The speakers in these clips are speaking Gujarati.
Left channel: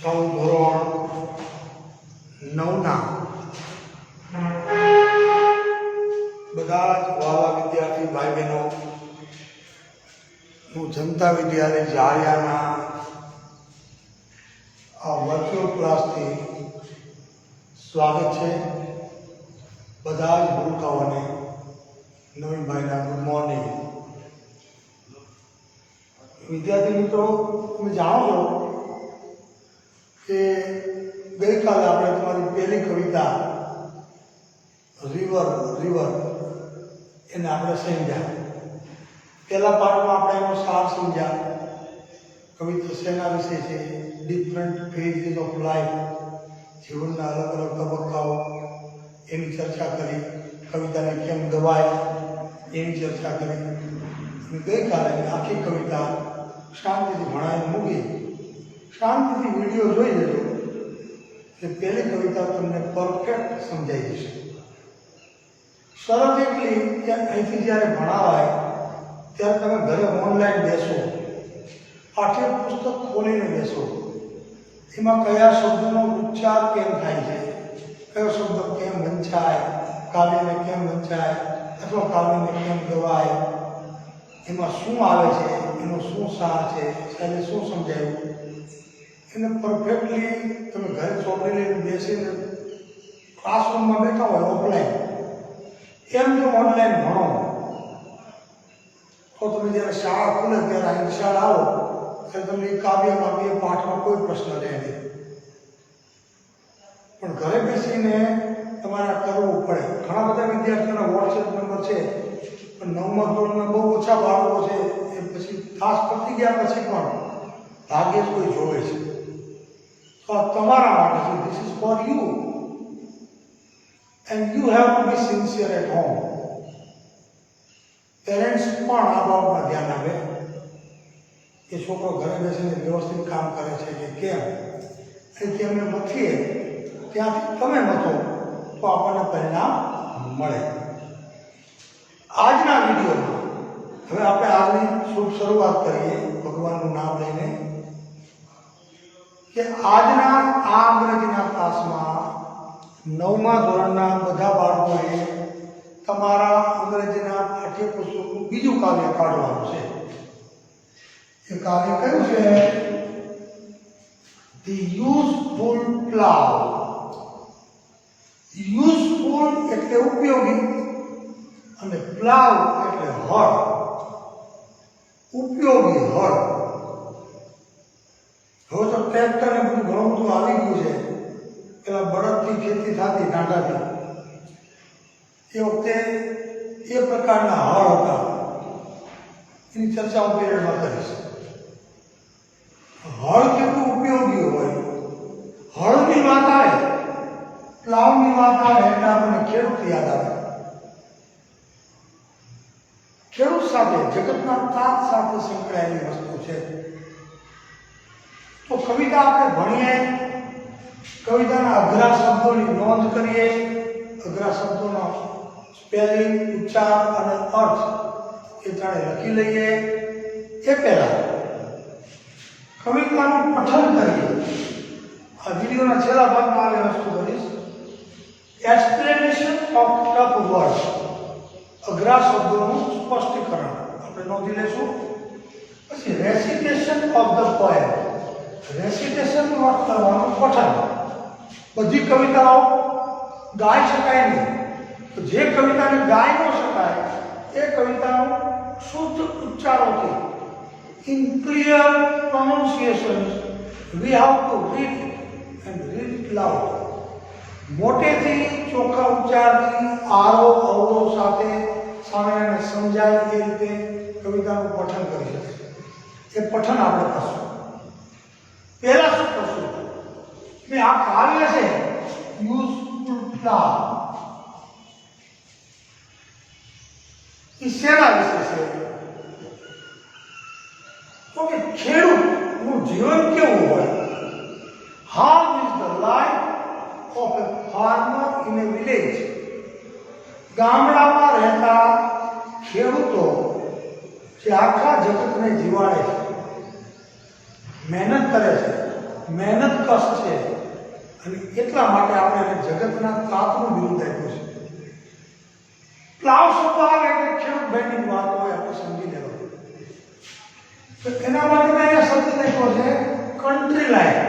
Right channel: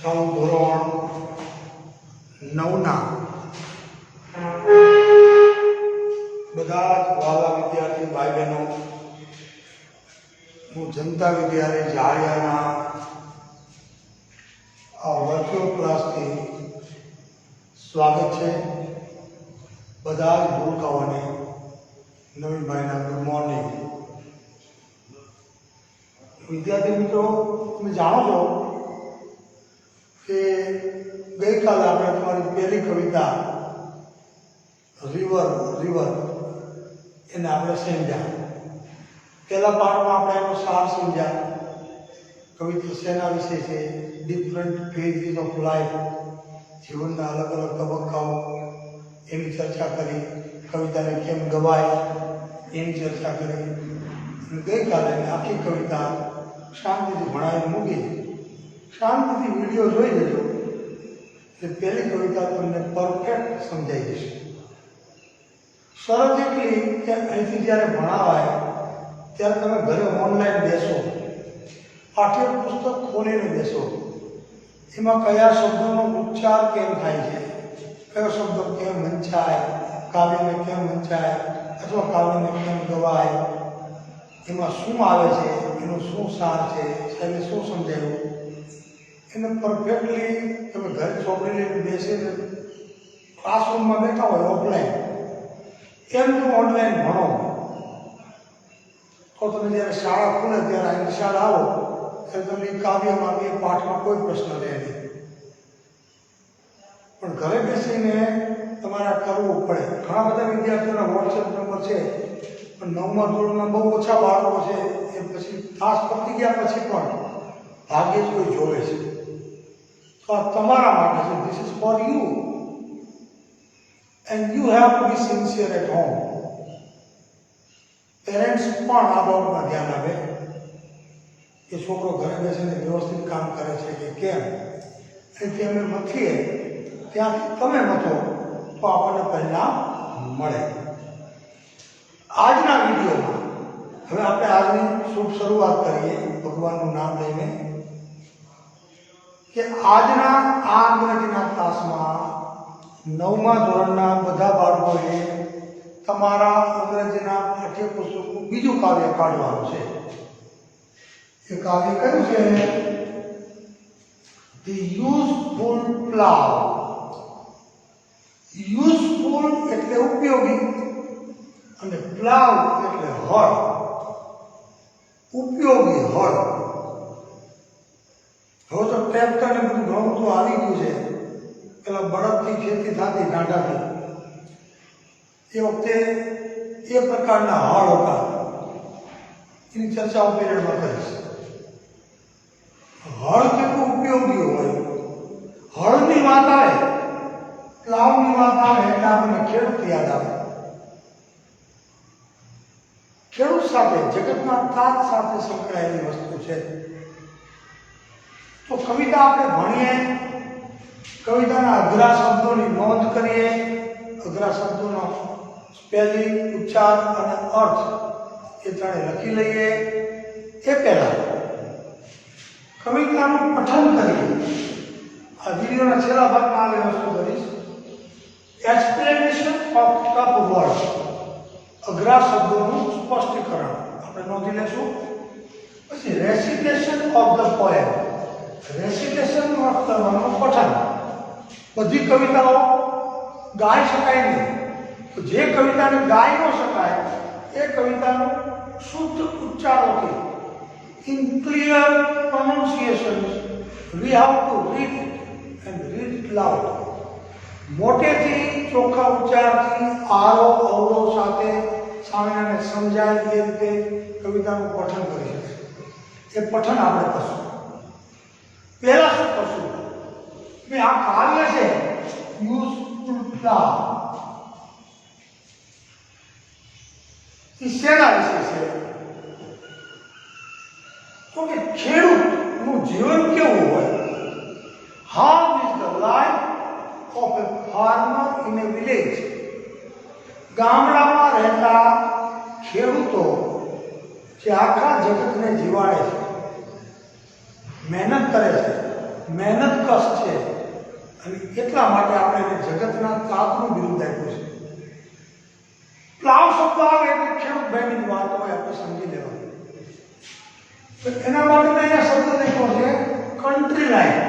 ચાલુ ધોરણ 9ના બધા જ વાલા વિદ્યાર્થી ભાઈ બહેનો હું જનતા વિદ્યાલય જાળિયાના આ વર્ચ્યુઅલ ક્લાસથી સ્વાગત છે. બધા જ ભૂલકાઓને નવીનભાઈના ગુડ મોર્નિંગ. વિદ્યાર્થી મિત્રો, તમે જાણો છો કે ગઈકાલે આપણે તમારી પહેલી કવિતા રિવર એને આપણે સમજ્યા. પહેલા પાઠમાં આપણે એનો સાર સમજ્યા. કવિતા શેના વિશે છે? ડિફરન્ટ ફેઝીસ ઓફ લાઈફ, જીવનના અલગ અલગ તબક્કાઓ એની ચર્ચા કરી. કવિતાને કેમ ગવાય એની ચર્ચા કરી. અને ગઈકાલે આખી કવિતા શાંતિથી ભણાવીને મૂકી. શાંતિથી વિડીયો જોઈ લેજો એટલે પહેલી કવિતા તમને પરફેક્ટ સમજાઈ જશે. શરત એટલી કે અહીંથી જ્યારે ભણાવાય ત્યારે તમે ઘરે ઓનલાઈન બેસો, પાઠ્યપુસ્તક ખોલીને બેસો. એમાં કયા શબ્દોનો ઉચ્ચાર કેમ થાય છે, કયો શબ્દ કેમ વંચાય, કાવ્યને કેમ વંચાય અથવા કાવ્યને કેમ ગવાય, એમાં શું આવે છે, એનો શું સાર છે, એને શું સમજાયું, એને પરફેક્ટલી તમે ઘરે ચોપડી લઈને બેસીને ક્લાસરૂમમાં બેઠા હોય ઓફલાઈન, એમ જો ઓનલાઈન ભણો તો તમે જ્યારે શાળા ખુલે ત્યારે અહીં શાળા આવો ત્યારે તમને કાવ્યમાં કે પાઠમાં કોઈ પ્રશ્ન રહે નહીં. પણ ઘરે બેસીને તમારે કરવું પડે. ઘણા બધા વિદ્યાર્થીઓના વોટ્સએપ નંબર છે, પણ 9મા ધોરણના બહુ ઓછા બાળકો છે. એ પછી તાસ પતી ગયા પછી પણ ભાગ્યે જ કોઈ જોવે છે. તો આ તમારા માટે છે. This is for you and you have to be sincere at home. Parents પણ આ બાબતમાં ધ્યાન આપે કે છોકરો ઘરે બેસીને વ્યવસ્થિત કામ કરે છે કે કેમ. અહીંથી અમે મથીએ ત્યાંથી તમે મથો તો આપણને પરિણામ મળે. આજના વિડીયોમાં હવે આપણે આજની શુભ શરૂઆત કરીએ ભગવાનનું નામ લઈને કે આજના આ અંગ્રેજીના ક્લાસમાં 9મા ધોરણના બધા બાળકોએ તમારા અંગ્રેજીના પાઠ્યપુસ્તકનું બીજું કાવ્ય કાઢવાનું છે. એ કાવ્ય કયું છે? The useful plough. યુઝફુલ એટલે ઉપયોગી અને પ્લાવ એટલે હળ. ઉપયોગી હળ. હવે તો ટ્રેક્ટર ને બધું ઘણું બધું આવી ગયું છે. પેલા બળદથી ખેતી થતી ડાંડાથી, એ વખતે એ પ્રકારના હળ હતા. એની ચર્ચા હું પીરિયડમાં કરીશ. હળ કેટલું ઉપયોગી હોય. હળની વાત આવે, પ્લાવની વાત આવે એટલે આપણને ખેડૂત યાદ આવે. ખેડૂત સાથે, જગતના તાત સાથે સંકળાયેલી વસ્તુ છે. તો કવિતા આપણે ભણીએ, કવિતાના અઘરા શબ્દોની નોંધ કરીએ, અઘરા શબ્દોનો સ્પેલિંગ, ઉચ્ચાર અને અર્થ એ ત્રણે લખી લઈએ. એ પહેલા કવિતાનું પઠન કરીએ. આ વિડીયોના છેલ્લા ભાગમાં આવે વસ્તુ કરીશ. એક્સપ્લેનેશન ઓફ ટફ વર્ડ, અઘરા શબ્દોનું સ્પષ્ટીકરણ આપણે નોંધી લેશું. પછી રેસિટેશન ઓફ ધ પોએમ, રેસિટેશનનો અર્થ કરવાનું પઠન. બધી કવિતાઓ ગાઈ શકાય નહીં, તો જે કવિતાને ગાઈ ન શકાય એ કવિતાનું શુદ્ધ ઉચ્ચારોથી, in clear pronunciation, we have to read and read it loud. મોટેથી ચોખ્ખા ઉચ્ચારથી આરો અવરો સાથે સામેને સમજાય એ રીતે કવિતાનું પઠન કરી શકીએ. એ પઠન આપણે કરશું. પહેલા શું કરશું કે આ કાવ્ય છે યુઝફુલ પ્લાવ, એ શેના વિશે છે? તો કે ખેડૂતનું જીવન કેવું હોય. How is the life of A farmer in A village. ગામડામાં રહેતા ખેડૂતો જે આખા જગતને જીવાડે છે, મહેનત કરે છે, મહેનત કશ છે અને એટલા માટે આપણે એને જગતના તાતનું બિરુદ આપ્યું છે. પ્લાવ શબ્દ આવે એટલે ખેડૂત ભાઈની વાત હોય આપણે સમજી લેવાનું. તો એના માટે મેં અહીંયા શબ્દ લખ્યો છે કન્ટ્રી લાઈફ.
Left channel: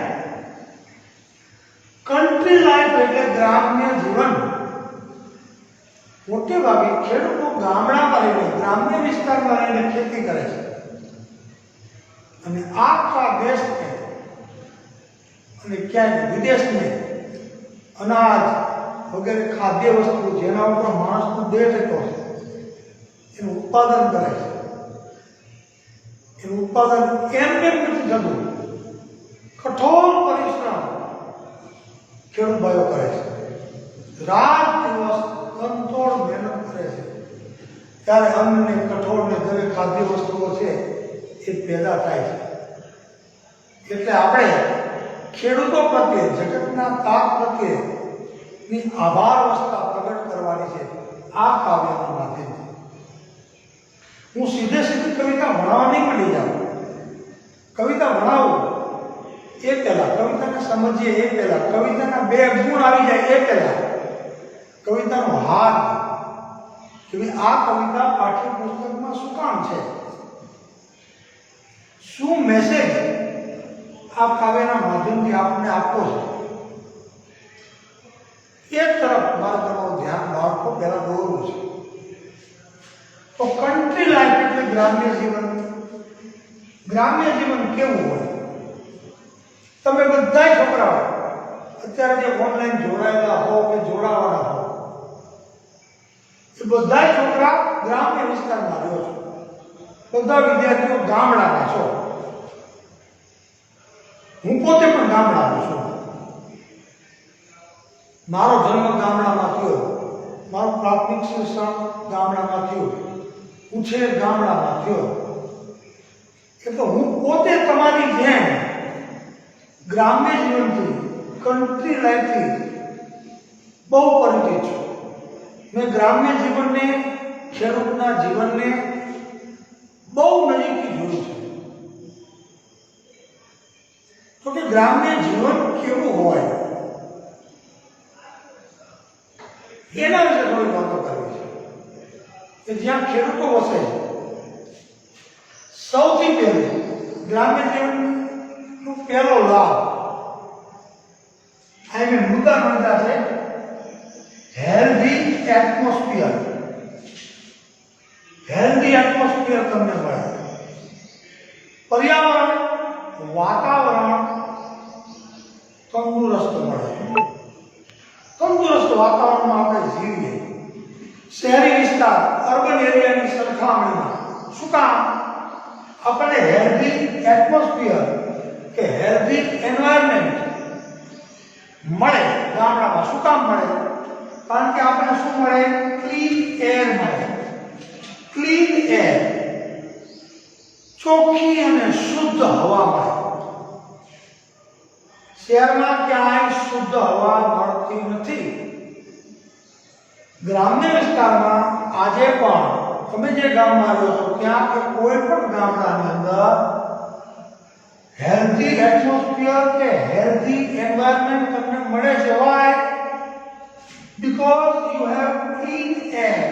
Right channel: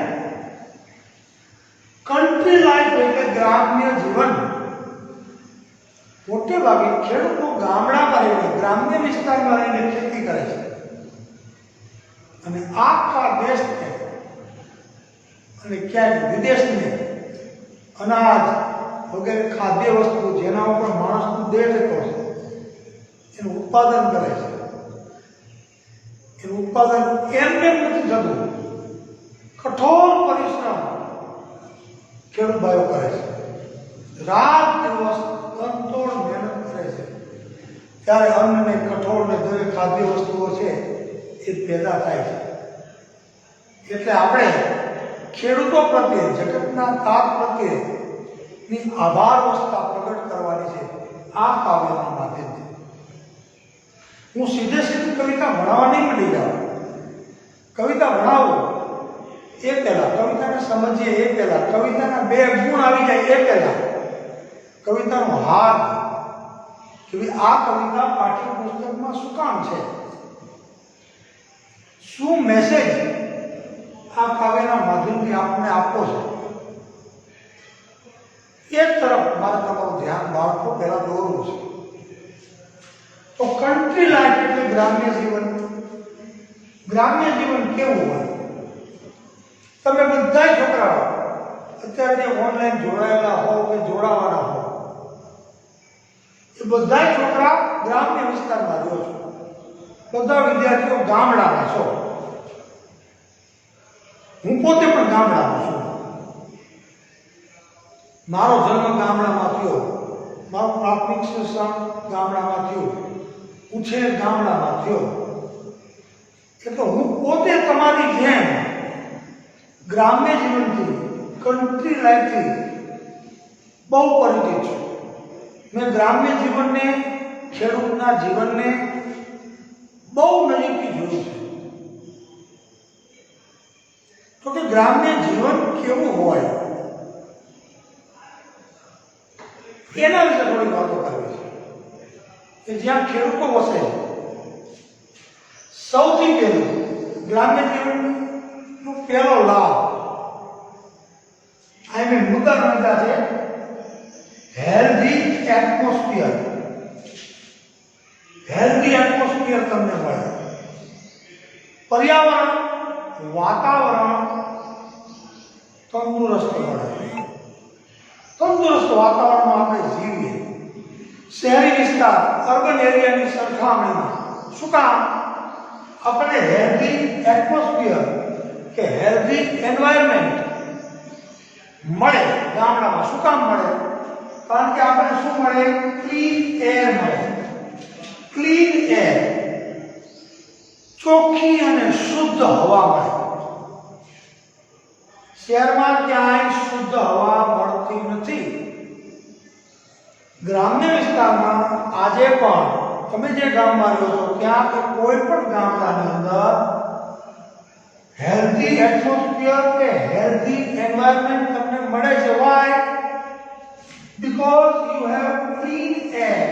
કન્ટ્રી લાઈફ એટલે ગ્રામ્ય જીવન. મોટે ભાગે ખેડૂતો ગામડામાં રહીને ગ્રામ્ય વિસ્તારમાં રહીને ખેતી કરે છે અને આખા દેશને અને ક્યાંક વિદેશને અનાજ વગેરે ખાદ્ય વસ્તુ જેના ઉપર માણસનું દેહ જતો છે એનું ઉત્પાદન કરે છે. એનું ઉત્પાદન એમને નથી થતું, કઠોર પરિશ્રમ ખેડૂત ભાઈઓ કરે છે. રાત દિવસ કંટોળ મહેનત કરે છે ત્યારે અન્ન ને કઠોળ ને દરેક ખાદ્ય વસ્તુઓ છે એ પેદા થાય છે. એટલે આપણે ખેડૂતો પ્રત્યે જગતના તાપ પ્રત્યેની આભાર વસ્તા પ્રગટ કરવાની છે આ કાવ્યના માધ્યમથી. હું સીધે સીધી કવિતા ભણાવવા નહીં મળી જાઉં. કવિતા ભણાવું એ પહેલા, કવિતાને સમજીએ એ પહેલા, કવિતાના બે ગુણ આવી જાય એ પહેલા કવિતાનો હાર કે આ કવિતા પાઠ્યપુસ્તકમાં શું કામ છે, શું મેસેજ આ કાવ્યના માધ્યમથી આપણને આપવો છે એક તરફ મારે તમારું ધ્યાન બાળકો પહેલા દોરવું છે. તો કન્ટ્રી લાઈફ એટલે ગ્રામ્ય જીવન. ગ્રામ્ય જીવન કેવું હોય? તમે બધા છોકરાઓ અત્યારે જે ઓનલાઈન જોડાયેલા હો કે જોડાવાના હો એ બધા છોકરા ગ્રામ્ય વિસ્તારમાં રહ્યો છો. બધા વિદ્યાર્થીઓ ગામડાના છો. હું પોતે પણ ગામડામાં છું. મારો જન્મ ગામડામાં થયો, મારું પ્રાથમિક શિક્ષણ ગામડામાં થયું, ઉછેર ગામડામાં થયો. એટલે હું પોતે તમારી જેમ ગ્રામ્ય જીવનથી, કન્ટ્રી લાઈફથી બહુ પરિચિત છું. મેં ગ્રામ્ય જીવનને, ખેડૂતના જીવનને બહુ નજીકથી જોયું છે. તો કે ગ્રામ્ય જીવન કેવું હોય એના વિશે થોડી વાતો કરવી છે કે જ્યાં ખેડૂતો વસે. સૌથી પહેલું ગ્રામ્ય જીવનનો પહેલો લાભ આ મેં મુદ્દા નોંધ્યા છે. Healthy atmosphere. હેલ્ધી એટમોસ્ફિયર તમને મળે. પર્યાવરણ, વાતાવરણ તંદુરસ્ત મળે. તંદુરસ્ત વાતાવરણમાં આપણે જીવીએ. શહેરી વિસ્તાર, અર્બન એરિયાની સરખામણીમાં શું કામ? આપણને હેલ્ધી એટમોસ્ફિયર કે હેલ્ધી એન્વાયરમેન્ટ મળે ગામડામાં. શું કામ મળે? કારણ કે આપણને શું મળે? ક્લીન એર મળે. ક્લીન એર, ચોખ્ખી અને શુદ્ધ હવા મળે. શહેરમાં ક્યાંય શુદ્ધ હવા મળતી નથી. ગ્રામ્ય વિસ્તારમાં આજે પણ તમે જે ગામમાં રહ્યો છો ત્યાં કે કોઈ પણ ગામડાની અંદર હેલ્ધી એટમોસ્ફિયર કે હેલ્ધી એન્વાયરમેન્ટ તમને મળે છે. Why? Because you have clean air.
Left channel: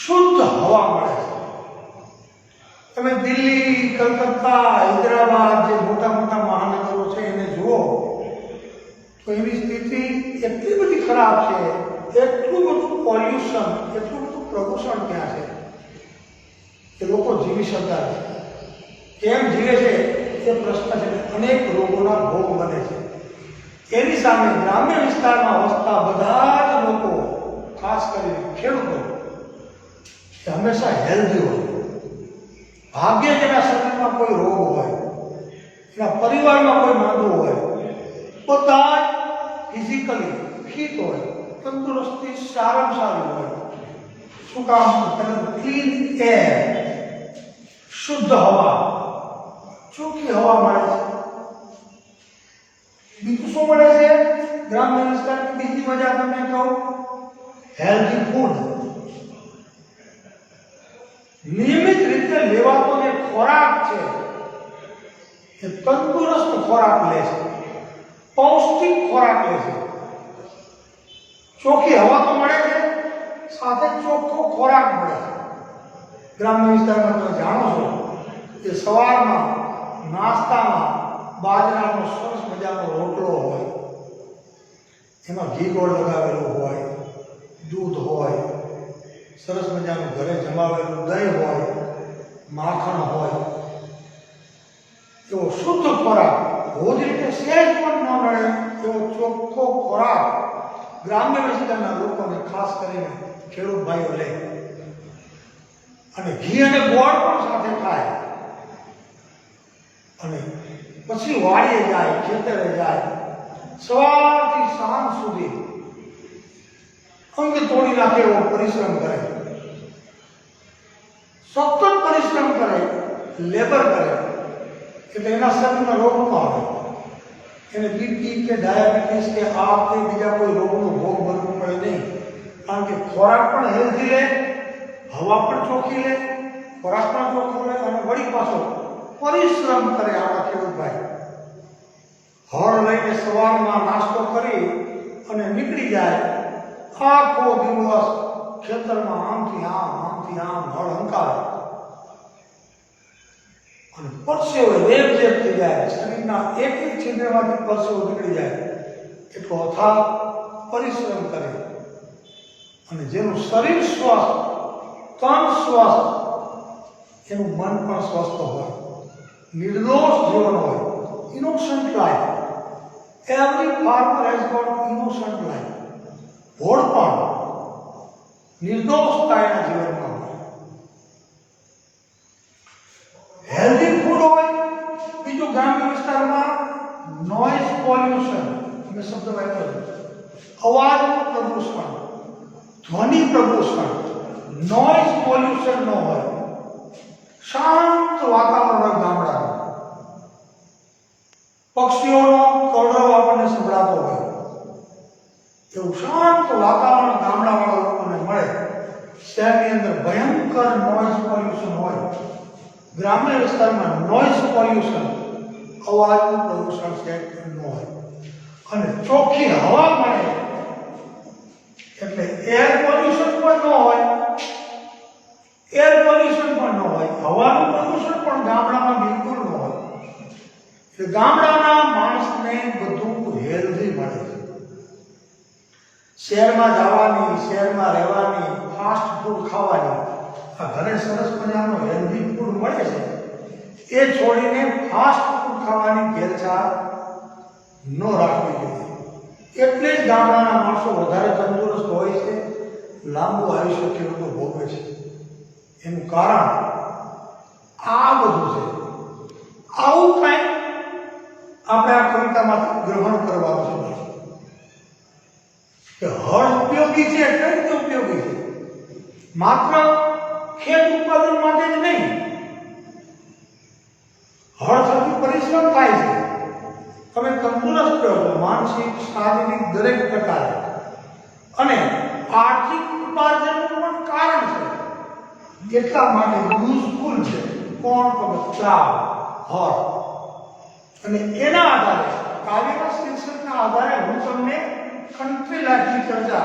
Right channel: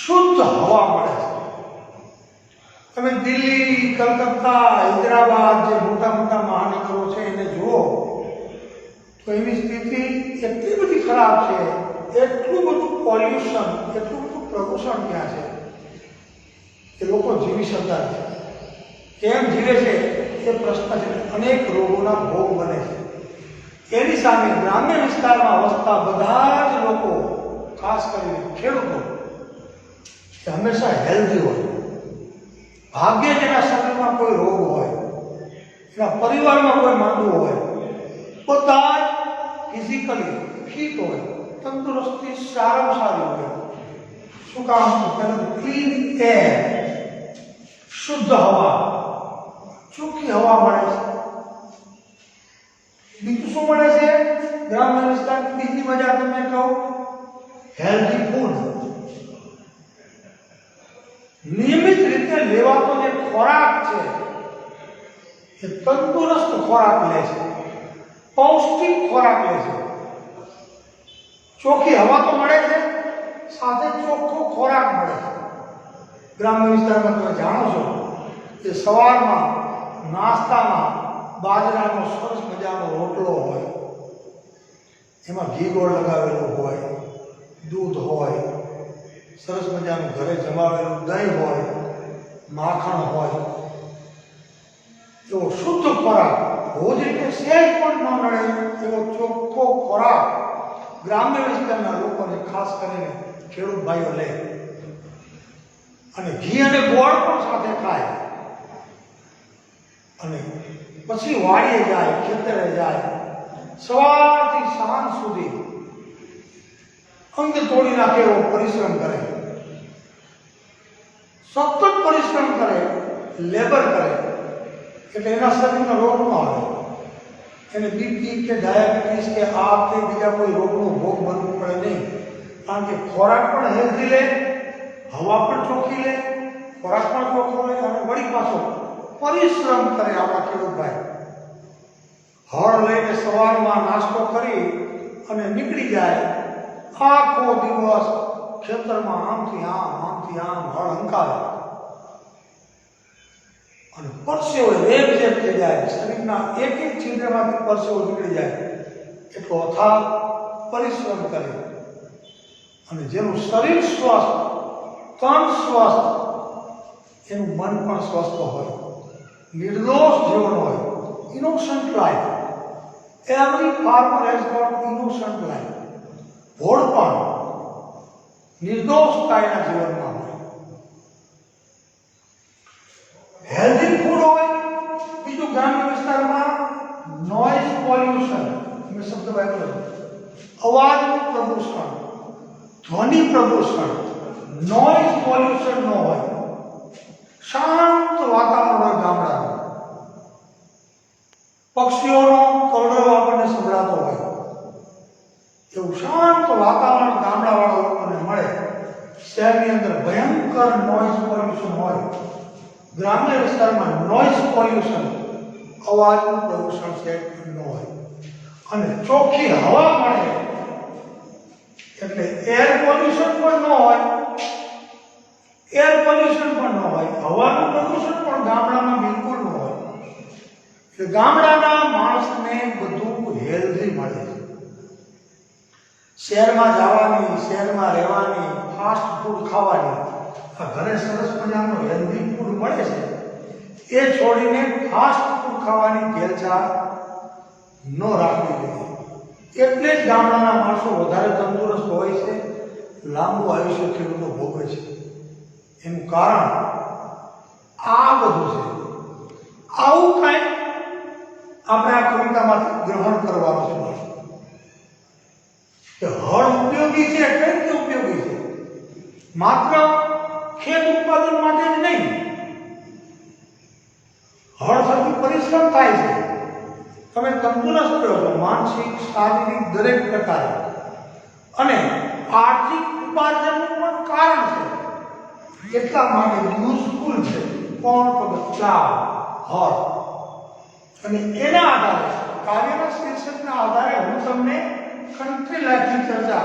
શુદ્ધ હવા મળે છે. તમે દિલ્હી, કલકત્તા, હૈદરાબાદ જે મોટા મોટા મહાનગરો છે એને જુઓ તો એની સ્થિતિ એટલી બધી ખરાબ છે, એટલું બધું પોલ્યુશન, એટલું બધું પ્રદૂષણ ત્યાં છે કે લોકો જીવી શકતા નથી. કેમ જીવે છે એ પ્રશ્ન છે. અનેક રોગોના ભોગ બને છે. એની સામે ગ્રામ્ય વિસ્તારમાં વસતા બધા જ લોકો, ખાસ કરીને ખેડૂતો, એ હંમેશા હેલ્ધી હોય. ભાગ્યે જેના શરીરમાં કોઈ રોગ હોય, એના પરિવારમાં કોઈ માંદું હોય, બધા ફિઝિકલી ફિટ હોય, તંદુરસ્તી સારામાં સારી હોય. શું કામ? ક્લીન એર, શુદ્ધ હવા, ચોખ્ખી હવા મળે છે. બીજું શું મળે છે ગ્રામ્ય વિસ્તારની બીજી મજા તમને કહું? Healthy food. નિયમિત રીતે લેવાતો જે ખોરાક છે એ તંદુરસ્ત ખોરાક લે છે, પૌષ્ટિક ખોરાક લે છે, ચોખ્ખી હવા તો મળે છે, સાથે ચોખ્ખો ખોરાક મળે છે. ગ્રામ્ય વિસ્તારમાં તમે જાણો છો કે સવારમાં નાસ્તામાં બાજરાનો સરસ મજાનો રોટલો હોય, એમાં ઘી ગોળ લગાવેલો હોય, દૂધ હોય, સરસ મજાનું ઘરે જમાવેલું દહીં હોય, માખણ હોય, એવો શુદ્ધ ખોરાક, રોજ રીતે સહેજ પણ ન મળે એવો ચોખ્ખો ખોરાક ગ્રામ્ય વિસ્તારના લોકોને, ખાસ કરીને ખેડૂત ભાઈઓ લે. અને ઘી અને ગોળ પણ સાથે ખાય. અને પછી વાડીએ જાય, ખેતરે જાય, સવારથી સાંજ સુધી અંગ તોડી નાખે એવો પરિશ્રમ કરે, સતત પરિશ્રમ કરે, લેબર કરે, એટલે એના શરીરમાં રોગ ન આવે, એને બીપી કે ડાયાબિટીસ કે આ કે બીજા કોઈ રોગનો ભોગ બનવું પડે નહીં. કારણ કે ખોરાક પણ હેલ્ધી લે, હવા પણ ચોખ્ખી લે, ખોરાક પણ ચોખ્ખો લે, અને વળી પાછો પરિશ્રમ કરે. આપણા ખેડૂતભાઈ હળ લઈને સવારમાં નાસ્તો કરી અને નીકળી જાય, આખો દિવસ ખેતરમાં આમથી આમ હળ હંકાવે, અને પરસેવો રેબ થઈ જાય, શરીરના એક એક છિદ્રમાંથી પરસેવો નીકળી જાય, એટલો અથાગ પરિશ્રમ કરે. અને જેનું શરીર સ્વસ્થ, તન સ્વસ્થ, એનું મન પણ સ્વસ્થ હોય, નિર્દોષ જીવન હોય, innocent life. Every farmer has got innocent life. ભોળપણ, નિર્દોષતા એના જીવનમાં હોય. હેલ્ધી ફૂડ હોય. બીજું, ગ્રામ્ય વિસ્તારમાં નોઇઝ પોલ્યુશન, મેં શબ્દ વાપર્યો, અવાજનું પ્રદૂષણ, ધ્વનિ પ્રદૂષણ, નોઇઝ પોલ્યુશન ન હોય, શાંત વાતાવરણ હોય ગામડાનું, પક્ષીઓનો કલરવ આપણને સંભળાતો હોય, એવું શાંત વાતાવરણ ગામડાવાળા લોકોને મળે. શહેરની અંદર ભયંકર નોઇઝ પોલ્યુશન હોય. ગ્રામ્ય વિસ્તારમાં નોઇઝ પોલ્યુશન, અવાજનું પ્રદૂષણ છે ન હોય, અને ચોખ્ખી હવા મળે, એટલે એર પોલ્યુશન પણ ન હોય, એર પોલ્યુશન પણ ન હોય, હવાનું પ્રદૂષણ પણ ગામડામાં બિલકુલ ન હોય. એટલે ગામડાના માણસને બધું હેલ્ધી મળે છે. શહેરમાં જવાની, શહેરમાં રહેવાની, ફાસ્ટ ફૂડ ખાવાની, આ ઘરે સરસ મજાનું હેલ્ધી ફૂડ મળે છે, એ છોડીને ફાસ્ટ ફૂડ ખાવાની ઘેલછા ન રાખવી જોઈએ. એટલે જ ગામડાના માણસો વધારે તંદુરસ્ત હોય છે, લાંબુ આયુષ્ય ખેડૂતો ભોગવે છે. એનું કારણ આ બધું છે. આવું કંઈક આપણે આ કવિતામાં ગ્રહણ કરવાનું છે કે હળ ઉપયોગી છે. કઈ રીતે ઉપયોગી છે? માત્ર ખેત ઉત્પાદન માટે જ નહીં, હળ થકી પરિશ્રમ થાય છે, તમે તંદુરસ્ત રહો છો, માનસિક, શારીરિક દરેક પ્રકારે, અને આર્થિક ઉપાર્જનનું પણ કારણ છે. એટલા માટે યુઝફુલ છે. કોણ? તો પ્લાવ, હળ. અને એના આધારે, કાવ્યના શીર્ષકના આધારે હું તમને કન્ટ્રી લાઈફની ચર્ચા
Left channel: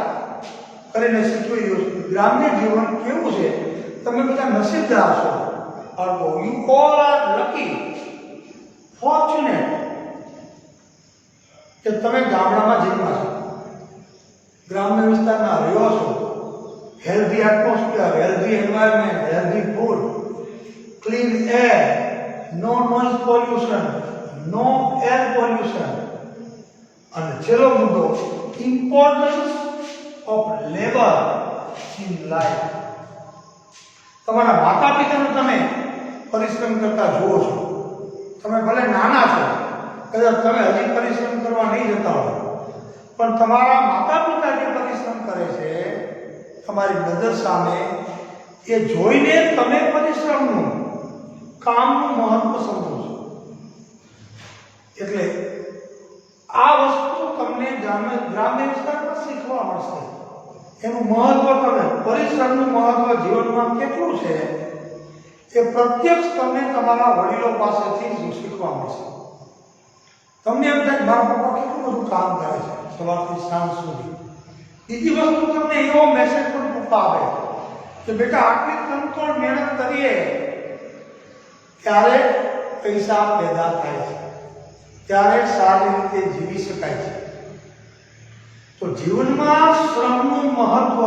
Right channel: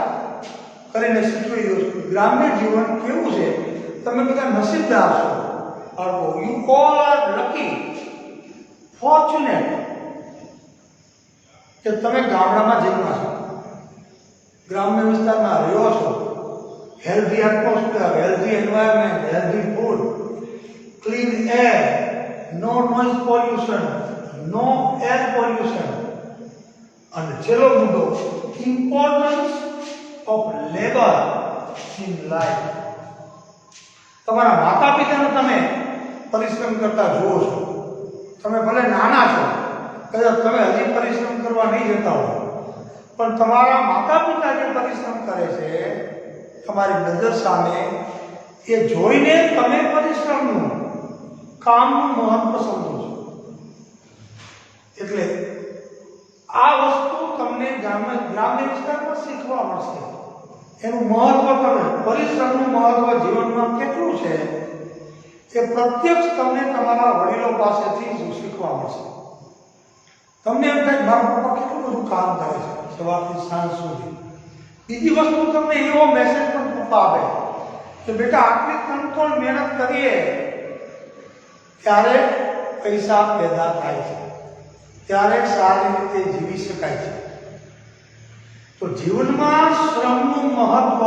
કરીને શીખવી દઉં છું. ગ્રામ્ય જીવન કેવું છે? તમે બધા નસીબદાર છો. You all are lucky, fortunate કે તમે ગામડામાં જન્મ્યા છો, ગ્રામ્ય વિસ્તારમાં રહ્યો છો. Healthy atmosphere, healthy environment, healthy food, clean air, no noise pollution, no air pollution. અને છેલ્લો મુદ્દો, importance of labour in life. તમારા માતા પિતાનો તમે પરિશ્રમ કરતા જુઓ છો. તમે ભલે નાના છો, કદાચ તમે હજી પરિશ્રમ કરવા નહીં જતા હો, પણ તમારા માતા પિતા જે પરિશ્રમ કરે છે તમારી નજર સામે, એ જોઈને તમે પરિશ્રમનું, કામનું મહત્વ સમજો છો. એટલે આ વસ્તુ તમને ગ્રામ્ય વિસ્તારમાં શીખવા મળશે. એનું મહત્વ, તમે પરિશ્રમનું મહત્વ જીવનમાં કેટલું છે એ પ્રત્યક્ષ તમને તમારા વડીલો પાસેથી જ શીખવા મળશે. તમને એમ થાય મારા પપ્પા કેટલું બધું કામ કરે છે સવારથી સાંજ સુધી. બીજી વસ્તુ તમને એવો મેસેજ પણ પપ્પા આપે કે બેટા આટલી કંટ્રોલ મહેનત કરીએ ત્યારે પૈસા પેદા થાય છે, ત્યારે સારી રીતે જીવી શકાય છે. તો જીવનમાં શ્રમનું મહત્વ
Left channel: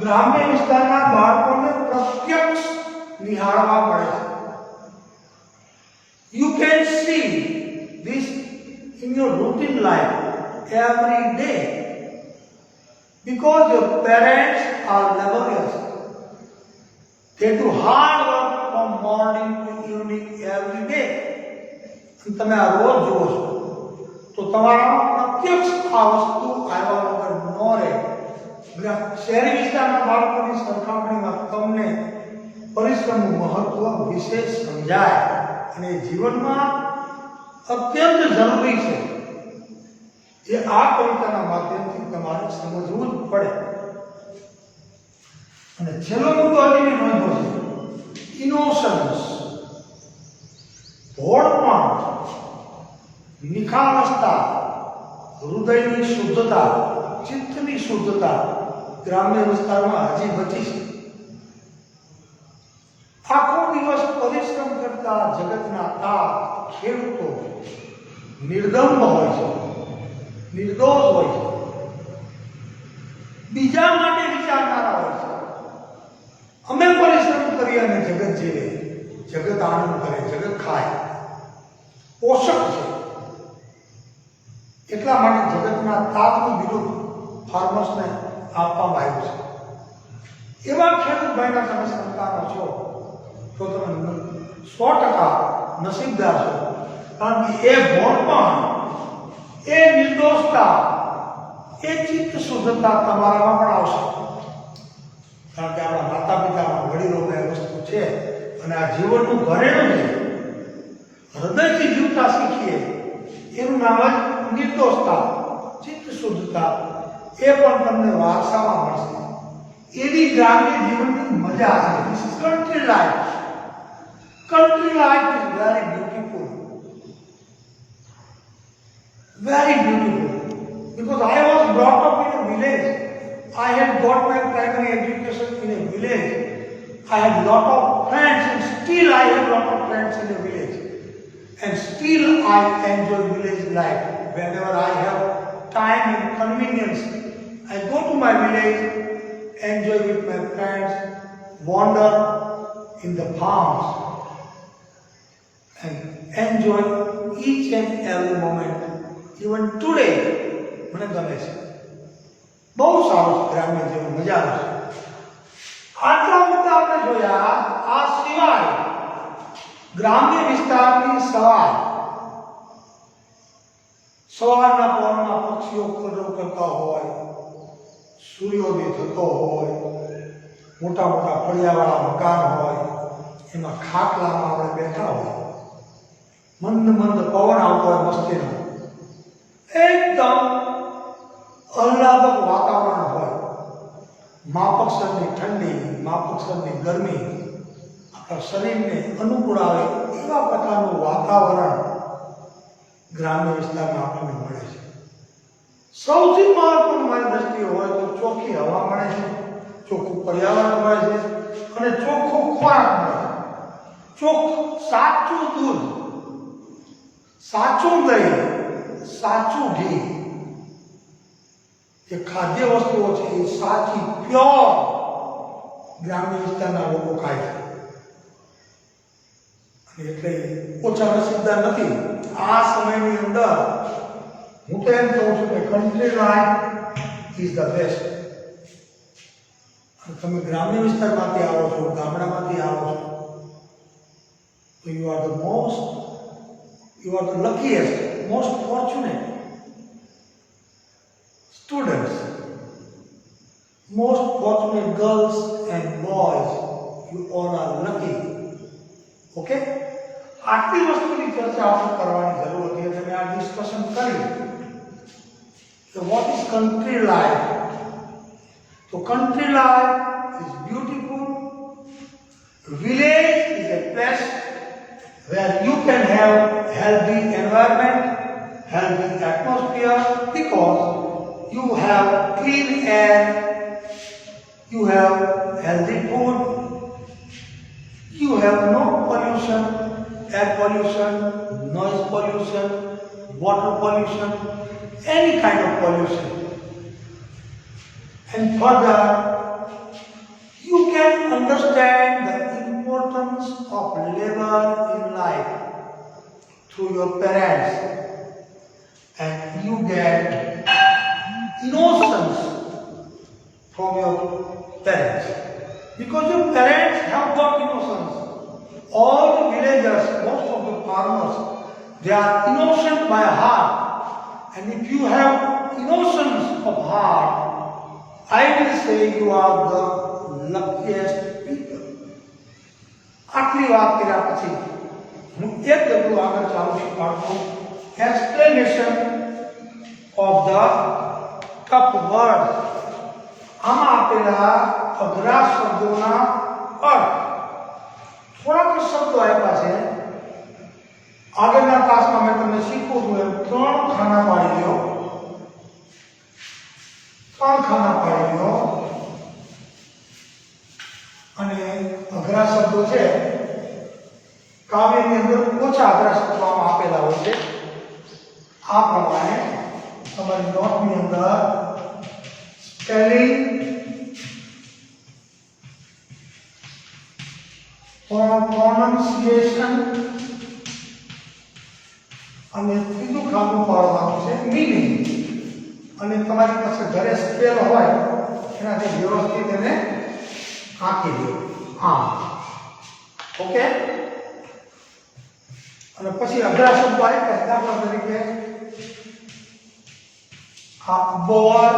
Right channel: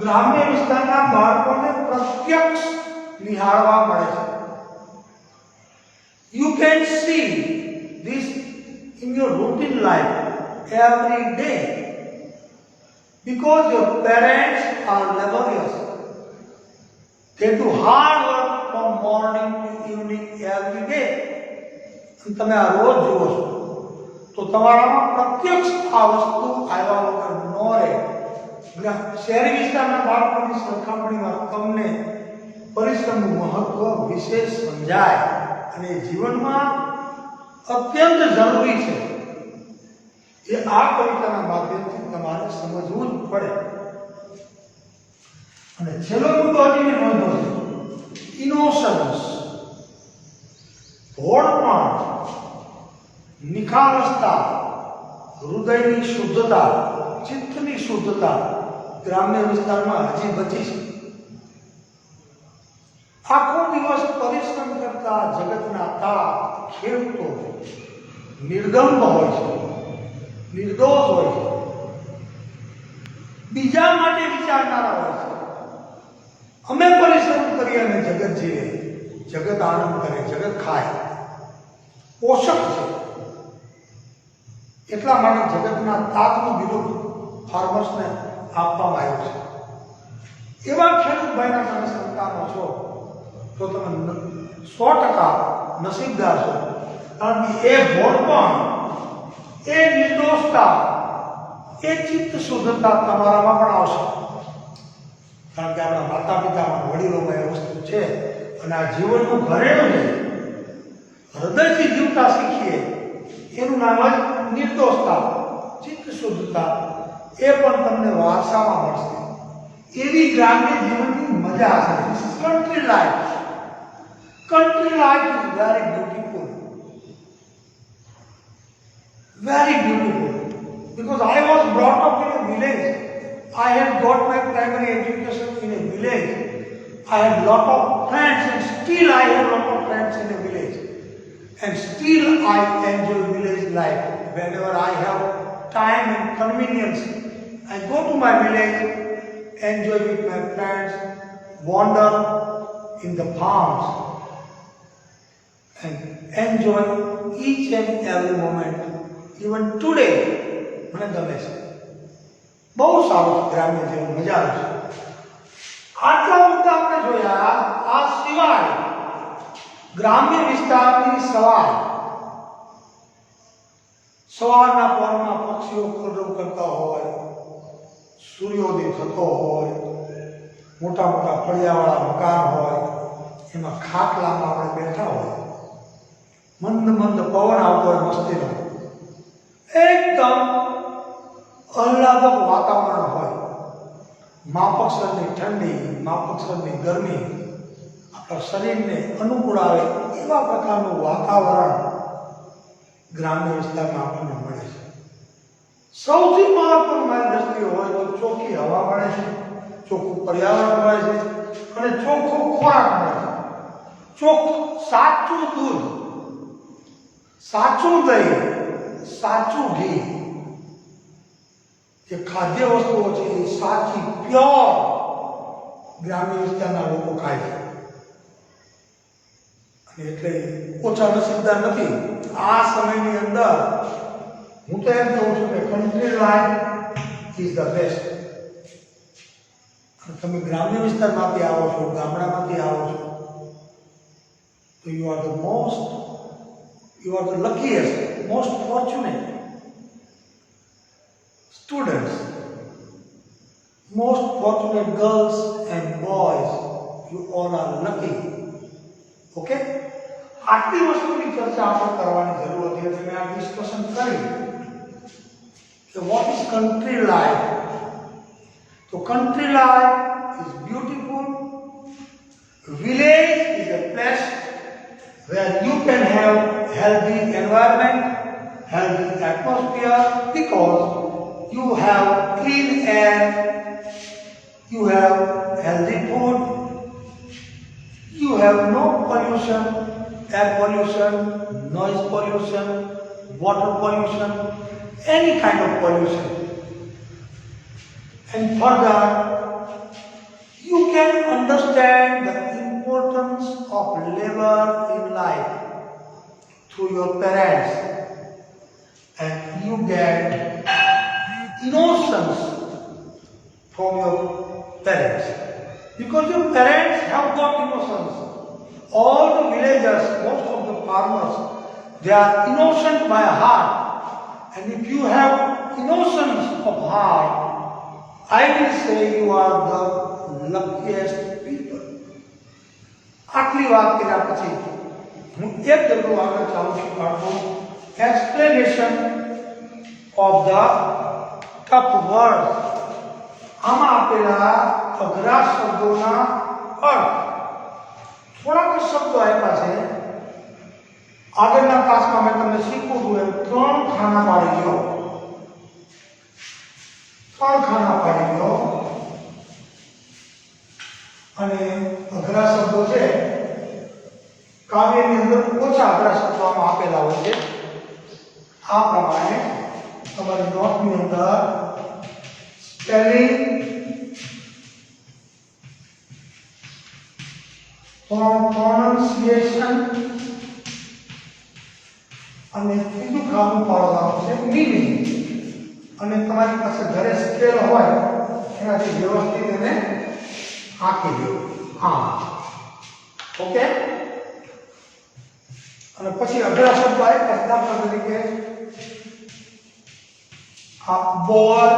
ગ્રામ્ય વિસ્તારના બાળકોને પ્રત્યક્ષ નિહાળવા મળે છે. You can see this in your routine life every day because your parents are laborious. They do hard work from morning to evening every day. તમે આ રોજ જુઓ છો તો તમારામાં પ્રત્યક્ષ આ વસ્તુ આવ્યા વગર ન રહે. શહેરી વિસ્તારના બાળકોની સરખામણીમાં તમને પરિશ્રમનું મહત્વ વિશેષ સમજાય અને જીવનમાં અત્યંત જરૂરી છે. એ આ કવિતાના માધ્યમથી તમારે સમજવું જ પડે. અને છેલ્લો મુદ્દો હજી નોંધો છે, ઇનોસન્સ, ભોળપણ, નિખાલસતા, હૃદયની શુદ્ધતા, ચિત્તની શુદ્ધતા ગ્રામ્ય વિસ્તારમાં હજી બચી છે. આખો દિવસ પરિશ્રમ કરતા જગતના તાપ ખેડૂતો નિર્દંભ હોય છે, નિર્દોષ હોય છે, બીજા માટે વિચારનારા હોય છે. અમે પરિશ્રમ કરીએ અને જગત જીવે, જગત આનંદ કરે, જગત ખાય, પોષક છે. એટલા માટે જગતના તાપનું બિરુદ ફાર્મર્સને આપવામાં આવ્યું છે. એવા ખેડૂત ભાઈના તમે સંતાનો છો તો તમે 100% નસીબદાર છો. કારણ કે એ ભોળપણ, એ નિર્દોષતા, એ ચિત્ત શુદ્ધતા તમારામાં પણ આવશે. કારણ કે આપણા માતા પિતાના વડીલોમાં એ વસ્તુ છે અને આ જીવનનું ઘરેણું છે. હૃદયથી જીવતા શીખીએ એનું નામ જ નિર્દોષતા, ચિત્ત શુદ્ધતા. એ પણ તમને વારસામાં મળશે. એવી ગ્રામ્ય જીવનની મજા છે. This is country life. Country life is very beautiful. Very beautiful. Because I was brought up in a village. I had got my primary education in a village. I had lot of friends and still I have lot of friends in the village. And still I enjoy village life. Whenever I have time and convenience, I go to my village, enjoy with my friends, wander in the farms, and enjoy each and every moment. Even today, મને ગમે છે. બહુ સારું ગ્રામ્ય જીવન, મજા આવે છે. આટલા મુદ્દા આપણે જોયા. આ સિવાય ગ્રામ્ય વિસ્તારની સવારના પહોરમાં પક્ષીઓ કલરવ કરતા હોય, સૂર્યોદય થતો હોય, મોટા મોટા ફળિયાવાળા મકાન હોય, એમાં ખાટલામાં આપણે બેઠા હોય, મંદ મંદ પવન આવતો હોય, મસ્તીનો એકદમ આહલાદક વાતાવરણ હોય, માફકસરની ઠંડી, માફકસરની ગરમી આપણા શરીરને અનુકૂળ આવે એવા પ્રકારનું વાતાવરણ ગ્રામ્ય વિસ્તારમાં આપણને મળે છે. સૌથી મહત્વનું મારી દ્રષ્ટિએ હોય તો ચોખ્ખી હવા મળે છે, ચોખ્ખું પર્યાવરણ મળે છે અને ચોખ્ખો ખોરાક મળે છે. સાચું દૂધ, સાચું દહીં, સાચું ઘી, જે ખાદ્ય વસ્તુઓ છે એ સાચી પ્યોર ગ્રામ્ય વિસ્તારના લોકો ખાય છે. અને એટલે ઓછા નસીબદાર નથી. આ સમયની અંદર હું તો એમ કહું છું કે country life is the best. અને તમે ગ્રામ્ય વિસ્તારમાંથી આવો છો, ગામડામાંથી આવો છો, તો you are the luckiest, most fortunate students, most fortunate girls and boys. You all are lucky. Okay? આટલી વસ્તુની ચર્ચા આપણે કરવાની જરૂર હતી. તમે આ ડિસ્કશન કરી કે વોટ ઇઝ કન્ટ્રી લાઈફ. તો country life is beautiful, Village is a place where you can have healthy environment, healthy atmosphere, because you have clean air, you have healthy food, you have no pollution, air pollution, noise pollution, water pollution, any kind of pollution. And further, you can understand the importance of labor in life through your parents, and you get innocence from your parents, because your parents have got innocence. All the villagers, most of the farmers, they are innocent by heart, and if you have innocence of heart, I will say you are the luckiest people. આટલી વાત કર્યા પછી હું એક ડગલું આગળ ચાલુ છું બાળકો. Explanation of the tough word. આમાં આપેલા અઘરા શબ્દોના અર્થ. થોડાક શબ્દો આપ્યા છે. આગળના ક્લાસમાં મેં તમને શીખવું હતું એમ 3 ખાના પાડી દો. 3 ખાના પાડી દો. અને અઘરા શબ્દો છે કાવ્યની અંદર ઓછા અઘરા શબ્દો આમાં આપેલા હોય છે. આ પ્રમાણે તમારી નોટની અંદર સ્પેલિંગ, પ્રોનાઉન્સિએશન અને ત્રીજું ખાનું પાડવાનું છે મીનિંગ. અને તમારી પાસે ઘરે સ્કેલ હોય એનાથી વ્યવસ્થિત એને આંકી દો. હા, ઓકે. અને પછી અઘરા શબ્દો આવે દાખલા તરીકે આ બોર,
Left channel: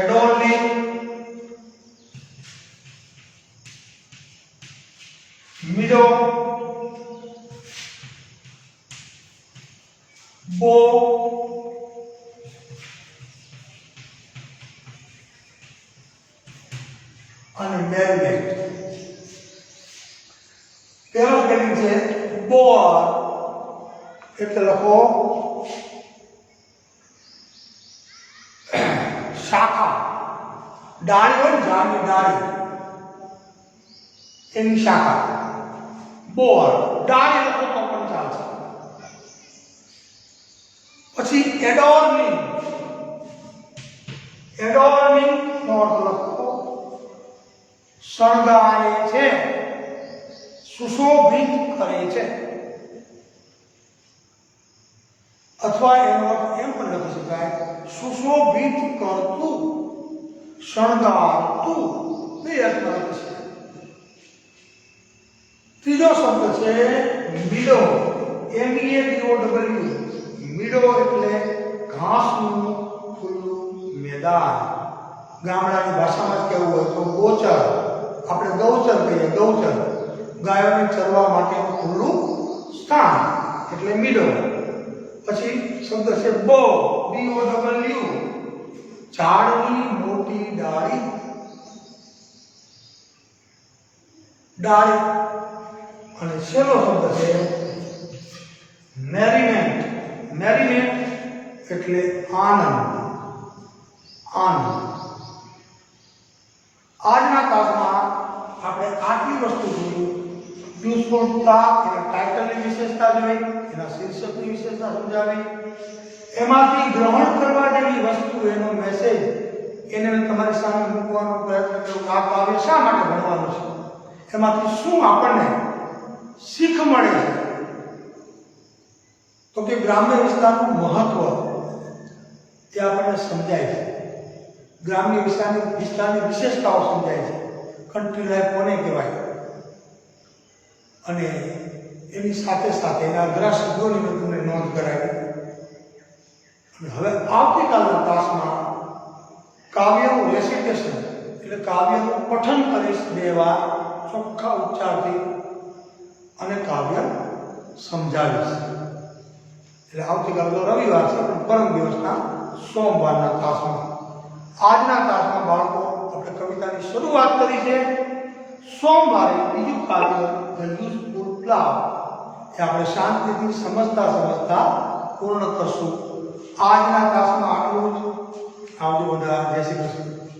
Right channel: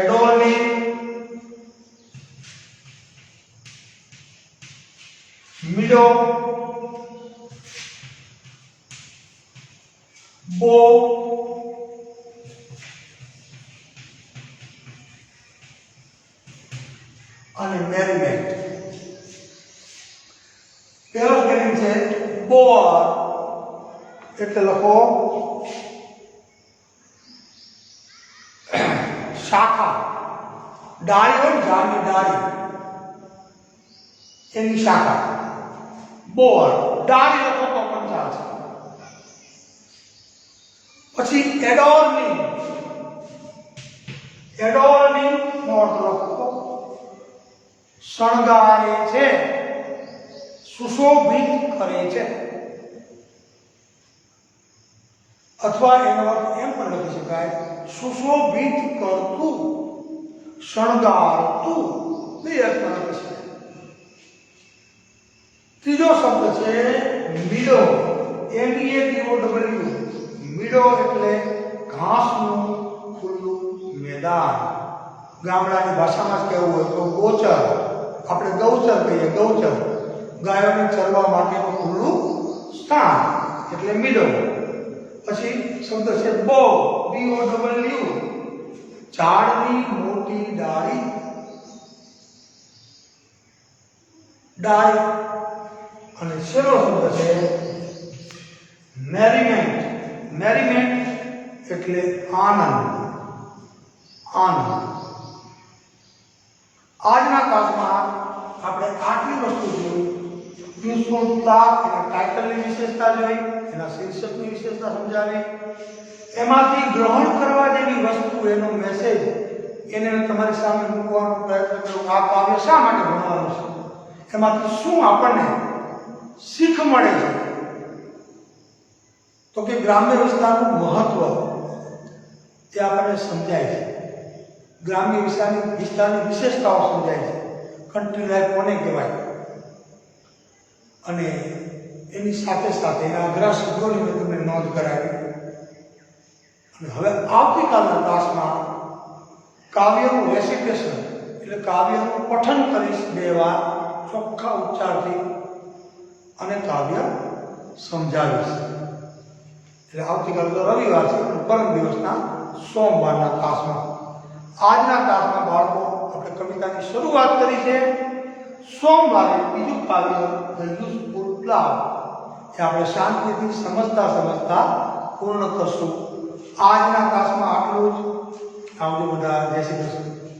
એડોર્નિંગ, મિડો, બો, અને મેરીનેટ. પહેલો સ્પેલિંગ છે બોર, એટલે લખો શાખા. ડાળી હોય ઝાડની ડાળી, એની શાખા. બોર, ડાળી લખો તો પણ ચાલશે. પછી એડોર્નિંગ. એડોર્નિંગ નો અર્થ લખો શણગારે છે, સુશોભિત કરે છે. અથવા એનો અર્થ એમ પણ લખી શકાય સુશોભિત કરતું, શણગારતું. બે અર્થમાં લખી શકાય. ત્રીજો શબ્દ છે મીડો, MEADOW. મીડો એટલે ઘાસનું ખુલ્લું મેદાન. ગામડાની ભાષામાં જ કહેવું હોય તો ગોચર, આપણે ગૌચર કહીએ. ગૌચર ગાયોને ચરવા માટેનું ખુલ્લું સ્થાન એટલે મીડો. પછી શબ્દ છે બો, BOW. ઝાડની મોટી ડાળી. ડાળી. અને છેલ્લો શબ્દ છે મેરીનેટ. મેરીનેટ એટલે આનંદ. આનંદ. આજના ક્લાસમાં આપણે આટલી વસ્તુ જોઈ. યુઝફુલતા અને ટાઇટલની વિશેષતા જોઈ, એના શીર્ષકની વિશેષતા સમજાવી. એમાંથી ગ્રહણ કરવા જેવી વસ્તુ, એનો મેસેજ, એને તમારી સામે મૂકવાનો પ્રયત્ન કર્યો. આ કાવ્ય શા માટે ભણવાનું છે, એમાંથી શું આપણને શીખ મળે છે, તો કે ગ્રામ્ય વિસ્તારનું મહત્વ એ આપણને સમજાય છે. ગ્રામ્ય વિસ્તારની વિશેષતાઓ સમજાય છે. કન્ટ્રી લાઈફ કોને કહેવાય, અને એની સાથે સાથે એના અઘરા શબ્દોની મેં તમને નોંધ કરાવી. અને હવે આવતીકાલના ક્લાસમાં કાવ્યનું રેસિટેશન એટલે કાવ્યનું પઠન કરીશ 2 વાર ચોખ્ખા ઉચ્ચારથી, અને કાવ્ય સમજાવીશ. એટલે આવતીકાલ તો રવિવાર છે, પણ પરમ દિવસના સોમવારના ક્લાસમાં. આજના ક્લાસના બાળકો આપણે કવિતાની શરૂઆત કરી છે. સોમવારે બીજું કાવ્ય ધ યુઝફુલ ક્લાઉડ એ આપણે શાંતિથી સમજતા પૂર્ણ કરશું. આજના ક્લાસમાં આટલું જ. આવજો બધા. જય શ્રી કૃષ્ણ.